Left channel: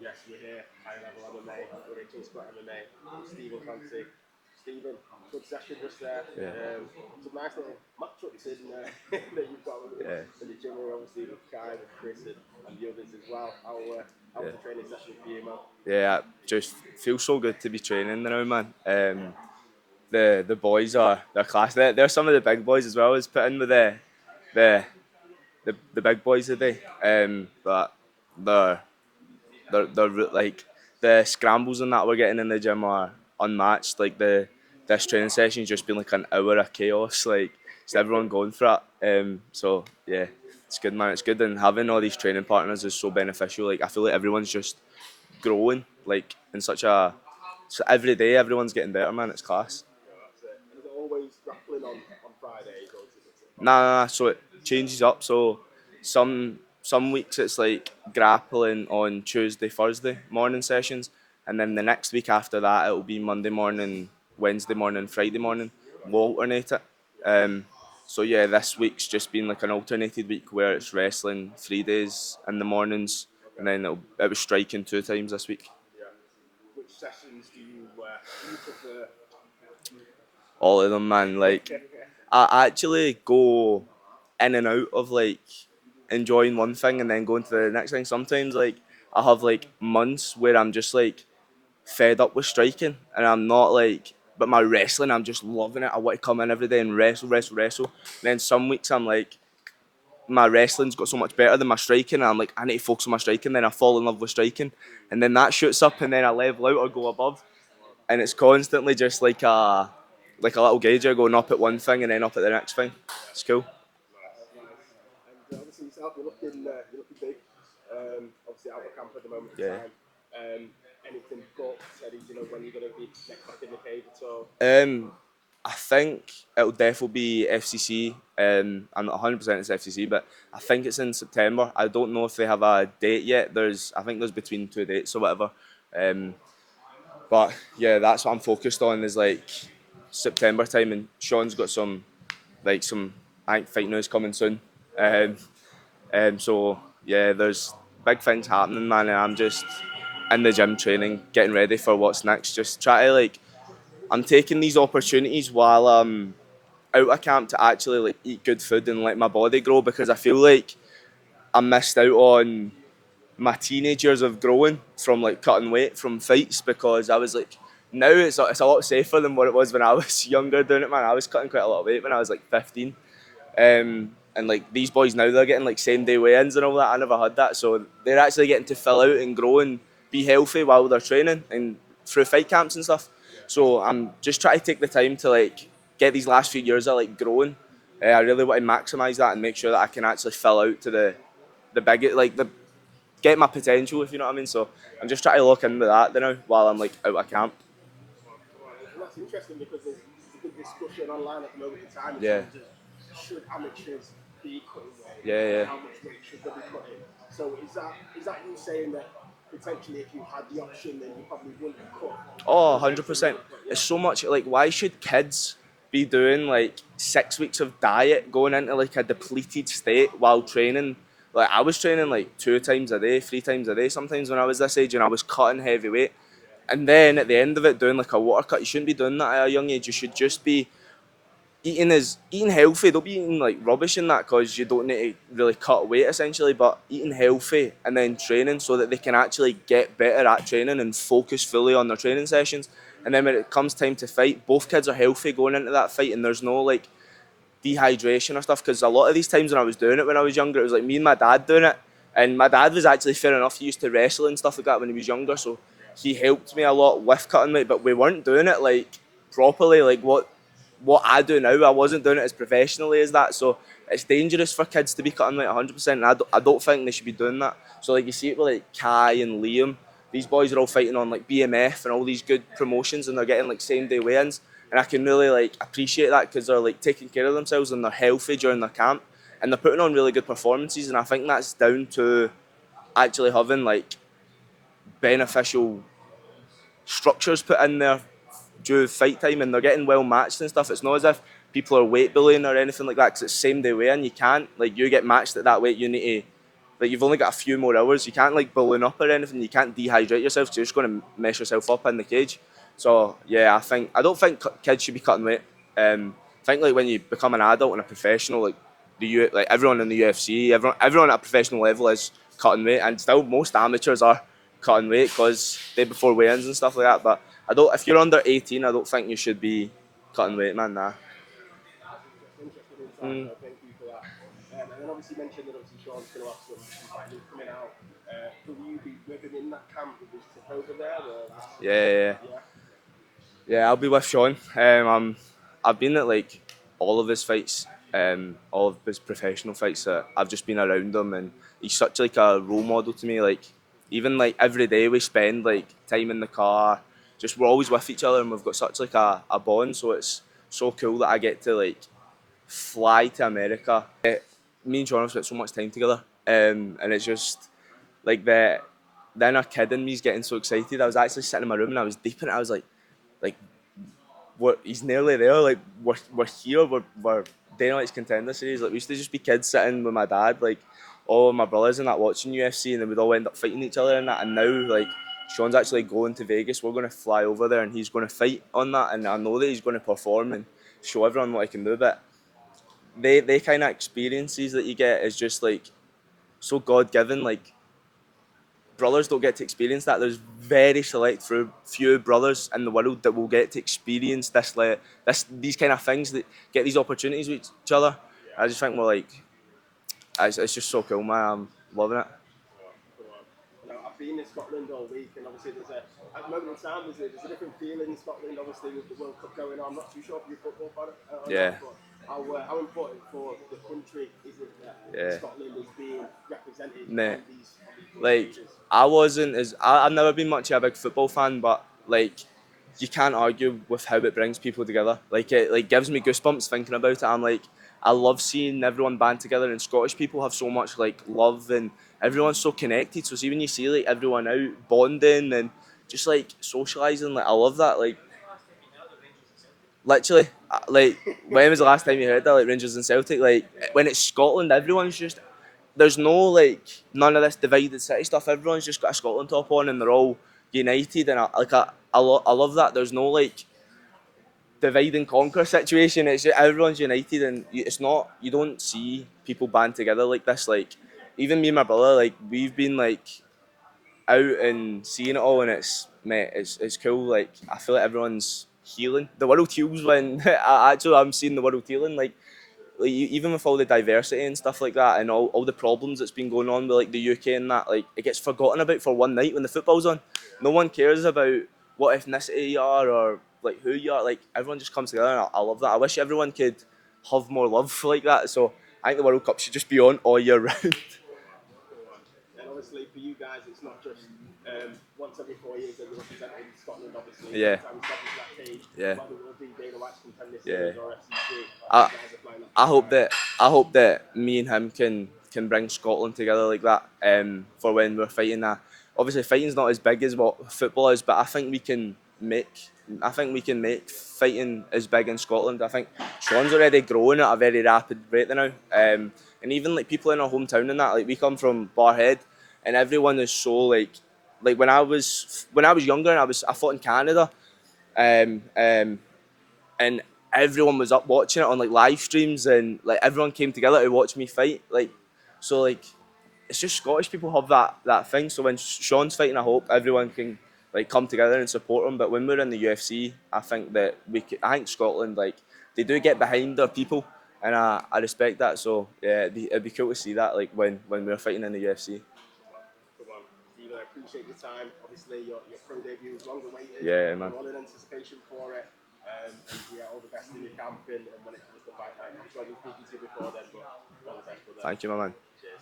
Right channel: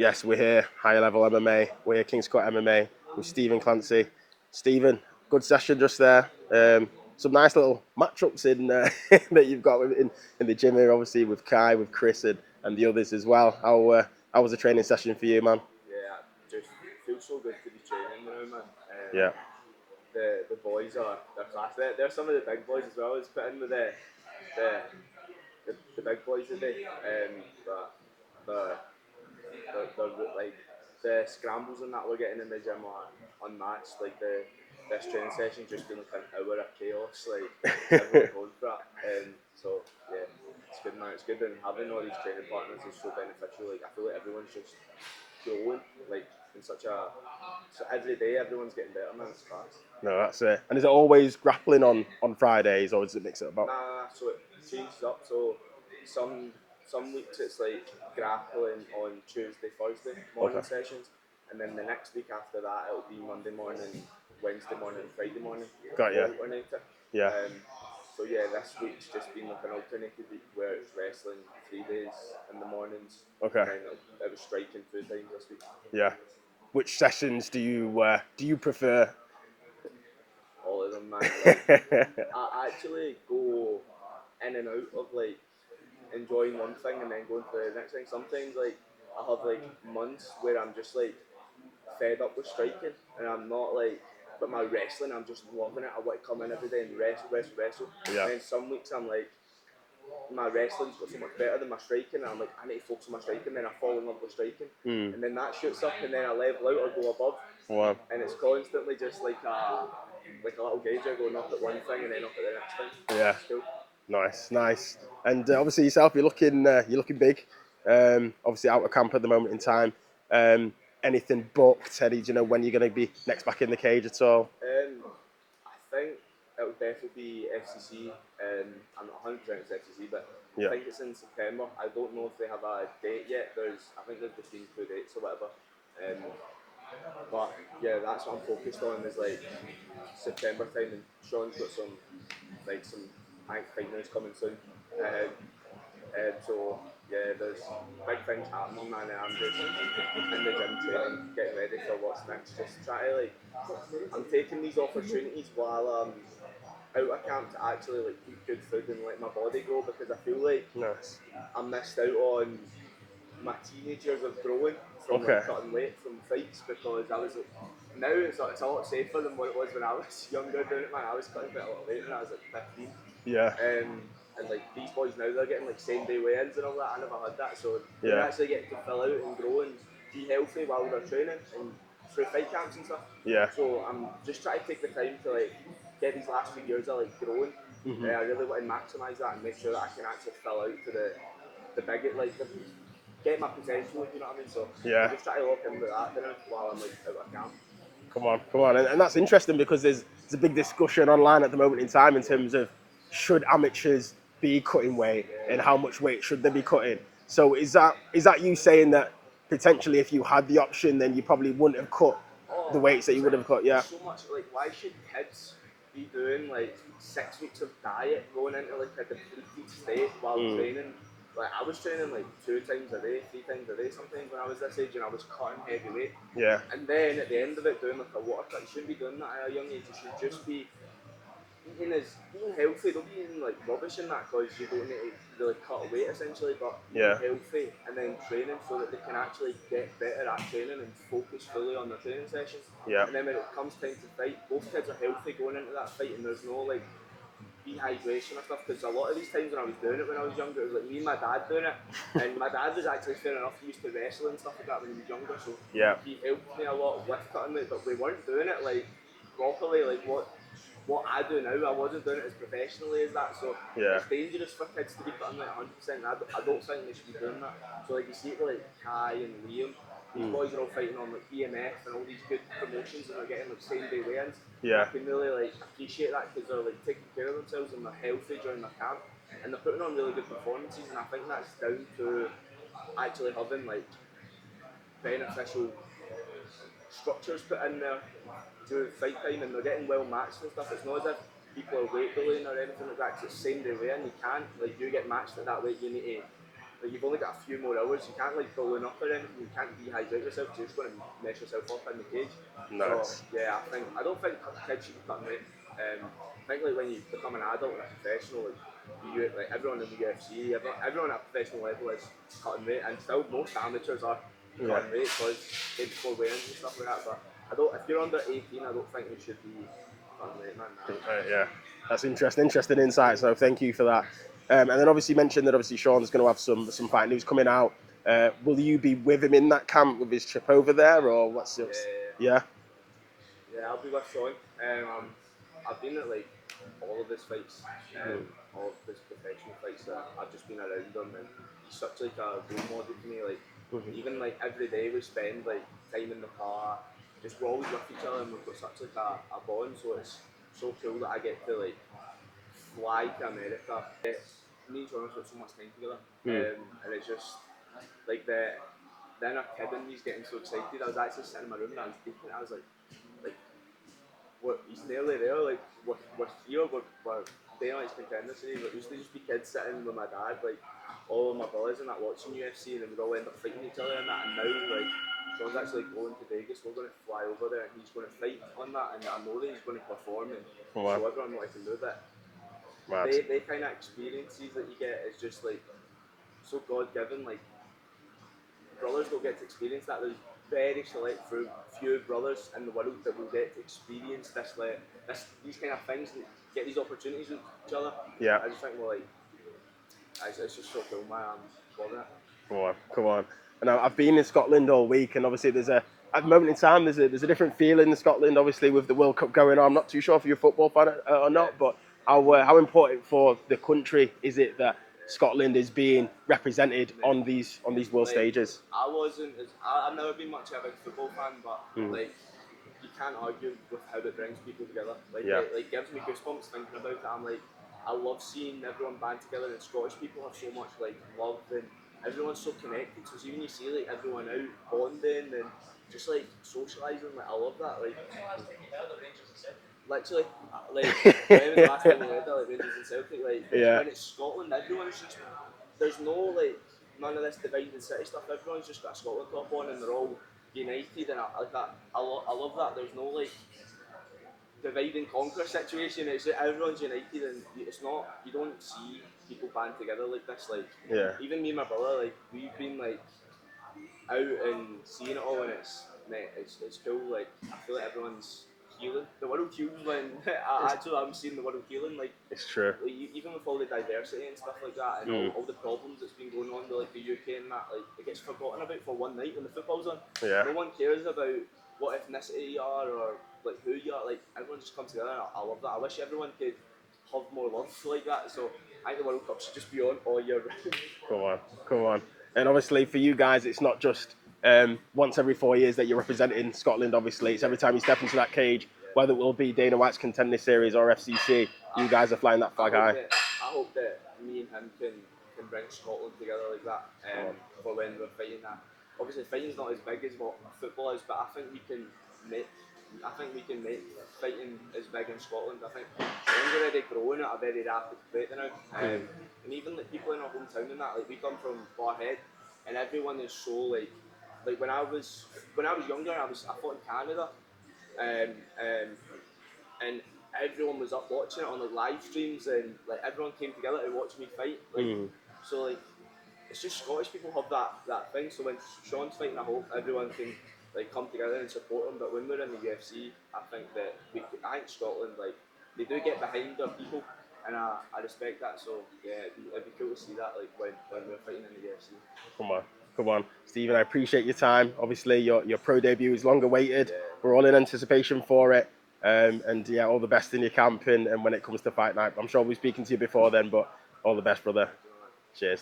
Yes, we're here, higher level MMA. We're here, King's Court MMA with Stephen Clancy. Stephen, good session just there. Yeah. Some nice little matchups in that you've got in the gym here, obviously with Kai, with Chris, and the others as well. How was the training session for you, man? Yeah, just feels so good to be training now, man. Yeah, The boys they're class. They're some of the big boys as well as put in with the the big boys today. But they're like the scrambles and that we're getting in the gym are unmatched. Like this training session's just been like an hour of chaos. Like it's everyone going for it. So yeah, it's good, man. It's good, and having all these training partners is so beneficial. Like I feel like everyone's just growing like in such a so every day everyone's getting better, man. It's class. no, that's it. And is it always grappling on Fridays, or does it mix it up? Nah. So it changes up. So some weeks it's like grappling on Tuesday, Thursday morning Okay. sessions, and then the next week after that it'll be Monday morning, Wednesday morning, Friday morning. Got We'll you. alternate it. Yeah. So yeah, this week's just been like an alternated week where it's wrestling 3 days in the mornings, Okay. and then it was striking 2 times this week. Yeah. Which sessions do you prefer? All of them, man. Like I actually go in and out of like enjoying one thing and then going to the next thing. Sometimes like I have like months where I'm just like fed up with striking and I'm not like, but my wrestling I'm just loving it. I want to come in every day and wrestle. Yeah. And then some weeks I'm like, my wrestling's got so much better than my striking, and I'm like, I need to focus on my striking. Then I fall in love with striking, and then that shoots up, and then I level out or go above, Wow. and it's constantly just like a little gauger going up at one thing and then up at the next thing. Yeah. It's cool. Nice. And obviously yourself, you're looking big. Obviously out of camp at the moment in Yeah. time. Anything booked? Eddie, do you know when you're going to be next back in the cage at all? I think it'll definitely be FCC. I'm not 100% it's FCC, but I Yeah. think it's in September. I don't know if they have a date yet. I think there's between two dates or whatever. But yeah, that's what I'm focused on is like September time, and Sean's got some I think fight news coming soon. So yeah, there's big things happening, man, and I'm just in the gym training, getting ready for what's next. Just try to like, I'm taking these opportunities while I'm out of camp to actually like eat good food and let my body grow, because I feel like Nice. I missed out on my teenage years of growing from Okay. like cutting weight from fights, because I was like, now it's a lot safer than what it was when I was younger doing it, man. I was cutting quite a lot of weight when I was like 15. Yeah. And like these boys now, they're getting like same day weigh-ins and all that. I never had that, so they're Yeah. actually getting to fill out and grow and be healthy while they're training and through fight camps and stuff. Yeah. So I'm just trying to take the time to like get these last few years of like growing. I really want to maximise that and make sure that I can actually fill out to the big like the get my potential, if you know what I mean. So Yeah. I'm just trying to look into that now while I'm like out of camp. Come on. And that's interesting because there's a big discussion online at the moment in time in Yeah. terms of should amateurs be cutting weight and Yeah. how much weight should they be cutting. So is that you saying that potentially if you had the option then you probably wouldn't have cut Oh, the weights that you would 100%. have cut? Yeah. There's so much, like, why should kids be doing, like, 6 weeks of diet, going into, like, a depleted state while training? Like, I was training, like, 2 times a day, 3 times a day sometimes when I was this age, and I was cutting heavy weight. Yeah. And then at the end of it, doing, like, a water cut. You shouldn't be doing that at a young age. You should just be eating healthy. Don't be eating like rubbish in that, because you don't need to really cut weight essentially, but eating Yeah. healthy and then training so that they can actually get better at training and focus fully on their training sessions. Yeah. And then when it comes time to fight, both kids are healthy going into that fight, and there's no like dehydration or stuff, because a lot of these times when I was doing it when I was younger, it was like me and my dad doing it, and my dad was actually fair enough, he used to wrestle and stuff like that when he was younger, so Yeah. he helped me a lot with cutting weight, but we weren't doing it like properly, like what I do now. I wasn't doing it as professionally as that, so Yeah. it's dangerous for kids to be cutting weight 100%, and I don't think they should be doing that. So like you see it with like Kai and Liam, these boys are all fighting on like BMF and all these good promotions, and they're getting like same day weigh-ins. Yeah. And I can really like appreciate that, because they're like taking care of themselves and they're healthy during their camp, and they're putting on really good performances. And I think that's down to actually having like beneficial structures put in there during fight time, and they're getting well matched and stuff. It's not as if people are weight bullying or anything like that, because it's same day weigh-in. You can't, like, you get matched at that weight, you need to like you've only got a few more hours. You can't like balloon up or anything. You can't dehydrate yourself. So you're just going to mess yourself up in the cage. Nice. So yeah, I don't think kids should be cutting weight. I think like when you become an adult and a professional, like like everyone in the UFC, everyone at a professional level is cutting weight, and still most amateurs are cutting weight because they before weigh-ins and stuff like that. But I don't. If you're under 18, I don't think you should be cutting weight, man. Nah. Yeah, that's interesting insight. So thank you for that. And then obviously you mentioned that obviously Sean's going to have some fight news coming out. Will you be with him in that camp with his trip over there, or what's it? Yeah, I'll be with Sean. I've been at like all of his fights, all of his professional fights. I've just been around him, and he's such like a role model to me. Like even like every day we spend like time in the car, just we're always with each other, and we've got such like a bond. So it's so cool that I get to like fly to America. Me and Sean have spent so much time together, and it's just like the inner kid in me is getting so excited. I was actually sitting in my room and I was deep in it. I was like he's nearly there. Like we're here. We're Dana White's Contender Series. Like we used to just be kids sitting with my dad, like all of my brothers and that watching UFC, and then we'd all end up fighting each other and that. And now like Sean's actually going to Vegas. We're going to fly over there and he's going to fight on that. And I know that he's going to perform and show everyone what he can do. But they kind of experiences that you get is just like so God given. Like brothers don't get to experience that. There's very few brothers in the world that will get to experience these kind of things, that get these opportunities with each other. Yeah. I just think we're like, it's just so cool, man. I'm loving it. Come on. And I've been in Scotland all week, and obviously at the moment in time, there's a different feeling in Scotland, obviously with the World Cup going on. I'm not too sure if you're a football fan or not, but how important for the country is it that Scotland is being represented on these world stages? I've never been much of a big football fan, but like you can't argue with how it brings people together. Like it like gives me goosebumps thinking about it. I'm like, I love seeing everyone band together, and Scottish people have so much like love, and everyone's so connected. So see when you see like everyone out bonding and just like socialising, like I love that. Like literally, like when was the last time you heard that? Like Rangers and Celtic. Like when it's Scotland, everyone's just there's no like none of this divided city stuff. Everyone's just got a Scotland top on and they're all united, and I love that. There's no like divide and conquer situation. It's just, everyone's united, and it's not, you don't see people band together like this. Like even me and my brother, like we've been like out and seeing it all, and it's cool. Like I feel like everyone's healing. The world heals when I'm seeing the world healing. Like It's true. like even with all the diversity and stuff like that, and all the problems that's been going on with like the UK and that, like it gets forgotten about for one night when the football's on. No one cares about what ethnicity you are or like who you are. Like everyone just comes together, and I love that. I wish everyone could have more love like that. So I think the World Cup should just be on all year round. Come on. And obviously for you guys, it's not just once every 4 years that you're representing Scotland. Obviously, it's every time you step into that cage, whether it will be Dana White's Contender Series or FCC, you guys are flying that flag. I hope that me and him can bring Scotland together like that for when we're fighting that. Obviously, fighting's not as big as what football is, but I think we can make fighting as big in Scotland. I think Sean's already growing at a very rapid rate now, and even like people in our hometown and that, like we come from Barhead, and everyone is so like when I was younger and I fought in Canada, and everyone was up watching it on like live streams, and like everyone came together to watch me fight. Like so like it's just Scottish people have that thing. So when Sean's fighting, I hope everyone can like come together and support him. But when we're in the UFC, I think that I think Scotland, like they do get behind their people, and I respect that. So yeah, it'd be cool to see that like when we're fighting in the UFC. Come on, Stephen. I appreciate your time. Obviously, your pro debut is long awaited. Yeah, man. We're all in anticipation for it. And yeah, all the best in your camp and when it comes to fight night. I'm sure we'll be speaking to you before then, but all the best, brother. Thank you, my man. Cheers.